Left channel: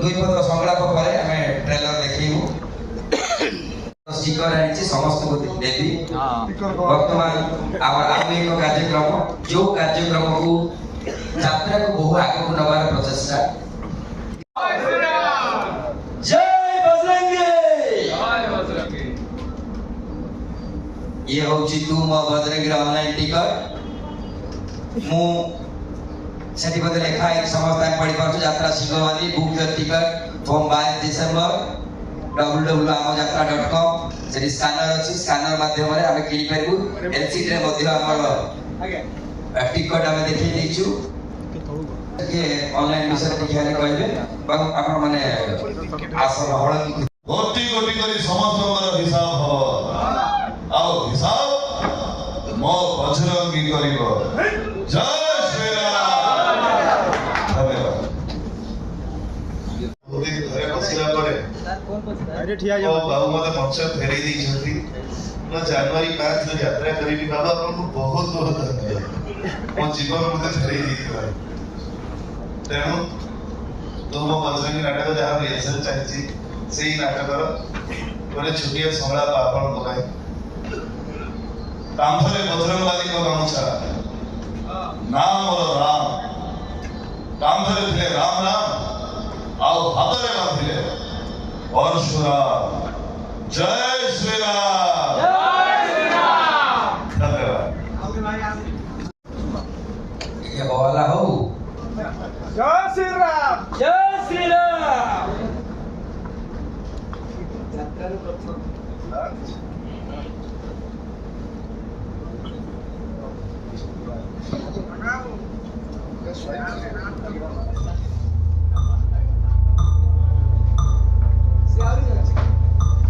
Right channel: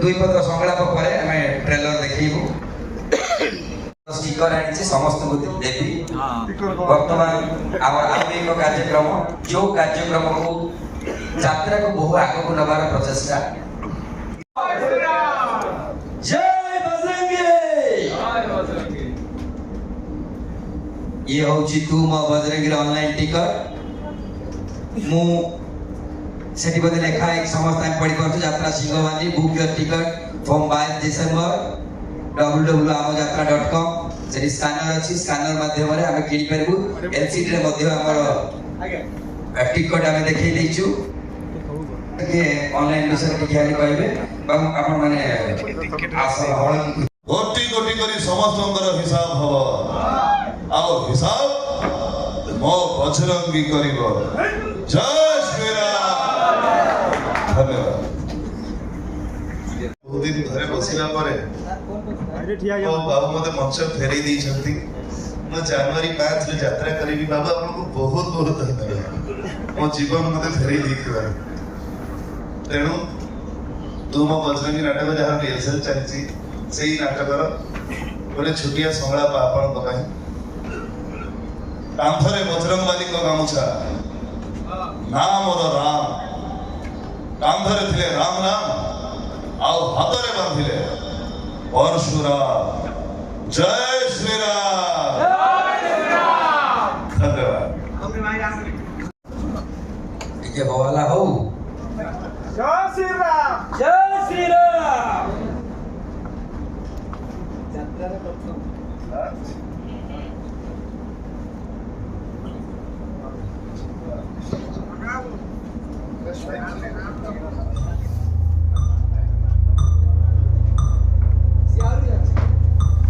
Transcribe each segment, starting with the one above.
दुई पत्र संलाप पर आम ट्रेलर देखू स्टिकर आनी समस्त को देवी बर्तमान एक कार्यक्रम जो कार्यक्रम को यात्रा को बहु आगे को नबार प्रचेषा जय बजरंगी ये होची तू मो बजरंगी ऑनलाइन टिकट मु सेठी बदले लेखा एक समस्त पढ़ी पार्छ यात्रा सिंहवाली book your ticket from 22 December www.amojatra.com से स्कैनर अछि स्कैनर माध्यम रे हम किनि परबु एलसीडी रे मध्ये हमर टिकट हम देखि दैछु के ऑनलाइन विषय के ध्यान कहबे बाबू आपण माने आसल हळ गोटी गोटी करी समस्तंकर हिसाब हो आओ हिसाब मो बजरंगी करिवो जय श्री राम धन्यवाद दिन घरे बसिला परे आइडे ठिया जाओ बाबू मते मंच फेरै दै छथि म जनवरी 5 रे यात्रा करिवि बाबा आपको बहुत बहुत धन्यवाद मो जीवन मते फेरै दैथिबा तेणु तुम बजरंगी नाटक जहाँ रिहर्सल चलती से नाटकर गोटे छुटिया संलाप आपण पकाए कांथरे बजरंगबाली को गामुछा नाम मोर राम कांथरे थिले राम राम आओ हाथरे बांधिले परशुराम जय श्री राम धन्यवाद ये बोला हो जय श्री राम जय श्री राम यात्रा रे प्रथम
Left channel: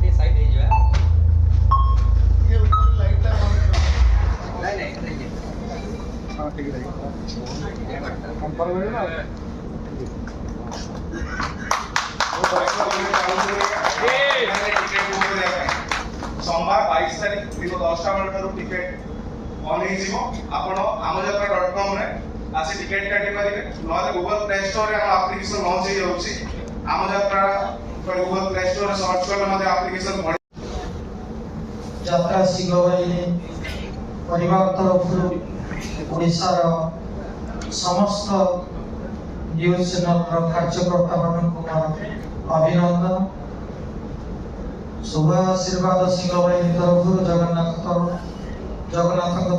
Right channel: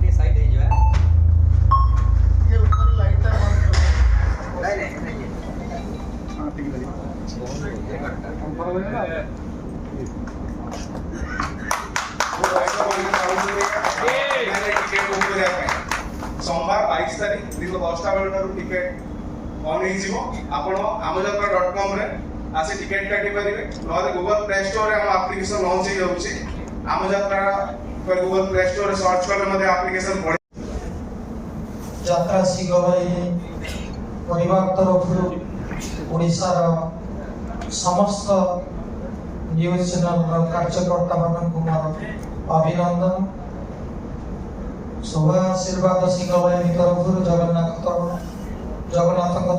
ये साइड है जो है ये ऊपर लाइट है नहीं हां ठीक है हम कर रहे हैं सोमवार 22 तारीख दिन 10टा बेलू टिकेट ऑन हो amojatra.com रे आसे टिकेट काटी परिबे नले गूगल प्ले स्टोर रे हम एप्लीकेशन लॉन्च हे होछि amojatra पर गूगल प्ले स्टोर रे सर्च करले मध्ये एप्लीकेशन पड़ी यात्रा सिंहवाई परिवार तरफ ओडिशा समस्त न्यूज चैनल कार्यकर्ता मान अभिनंदन शुभ आशीर्वाद सिंहवाई तरफ जगन्नाथ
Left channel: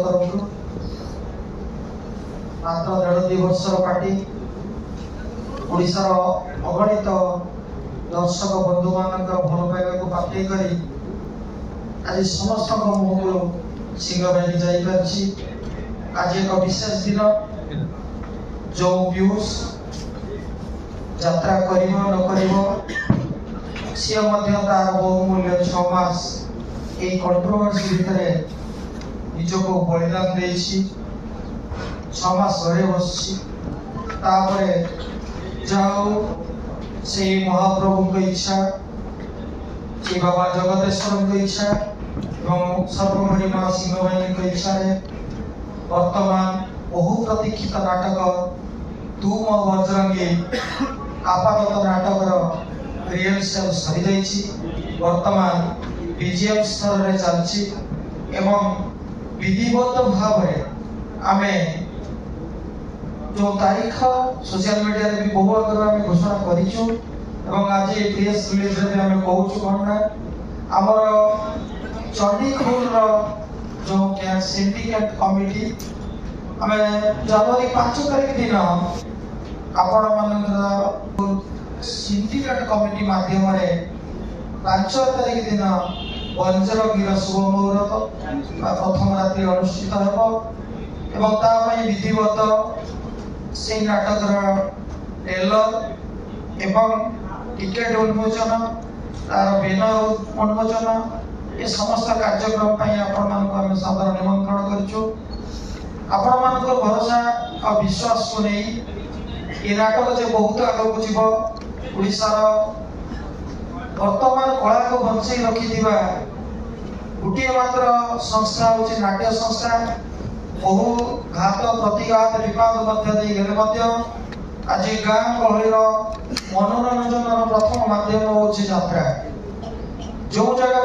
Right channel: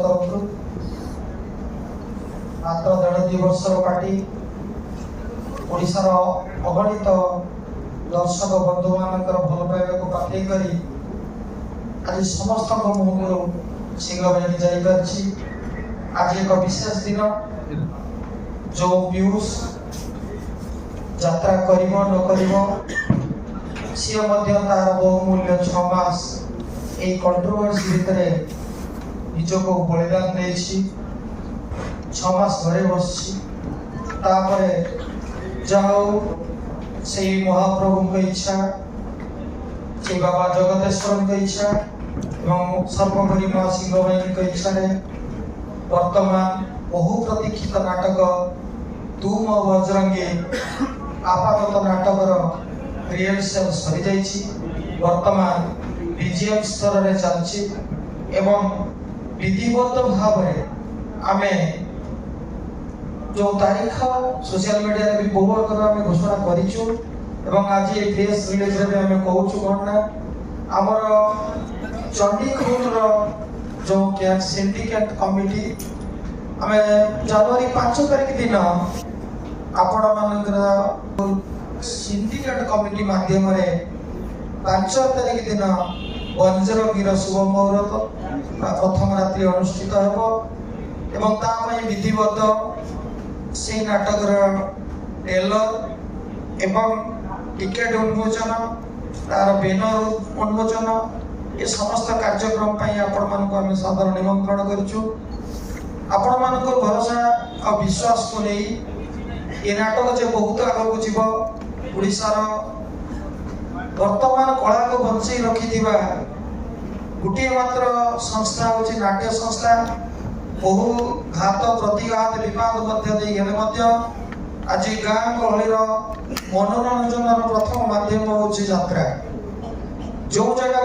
तरफ मात्र 1.5 वर्ष पार्टी ओडिशा अगणित दर्शक बंधु मान भल पाइबा को पाठे करी आज समस्त मुहूर्त सिंहवाई जाइपारछि आज एक विशेष दिन जो व्यूज यात्रा करिबो न करिबो से मध्य तार बहुमूल्य 6 मास ए कंट्रोवर्सी भितरे निजको बलिदान देछि 6 मास घरे बसछि तापरे जाओ से महाप्रभु की इच्छा से बाबा जगदेश्वर की इच्छा एवं सर्वभरी मां सिंहवाई की इच्छा है वर्तमान बहु प्रतीक्षित नाटक तू मो बजरंगी आपातत नाटक रिहर्सल सरी जाइछि वर्तमान बीजीएम स्तर रे चलछि एवं विधिवत भाव रे आमे जो तारीख सोशल मीडिया रे भी बहु आगे आमे घोषणा करिछु एवं आज प्रेस रिलीज रे आमे कहूछु कोना हमर चंडीगढ़ रो जो के सिंडिकेट कमिटी आमे जनवरी 5 तारीख दिन आपण मानकर सिंडिकेट कमिटी माध्यम रे 5 तारीख दिन वज्रगिर शुभ मुहूर्त प्रथम रात्रि अनुष्ठित हेबो एवं ता पई विधिवत से नाटक ट्रेलर एवं टिकेट उन्मोचन तार बैनर उन्मोचन ये समस्त कार्यक्रम पई आपण मानको हम सादर निमंत्रण करछु आपण मानको भरोसा और विश्वास को नहीं ये नाटक जे बहुत आगो जीव ओडिसा वर्तमान कला को बंचई रखिथिबा गुटे मात्र संस्था होची नाट्य संस्था बहु घात प्रतिघात विवाद मध्य देई गेले मध्य आज गाँ गहलीर मनोरंजन ହେଉଛି ଯାତ୍ରା। ଯେଉଁ ଜାଗା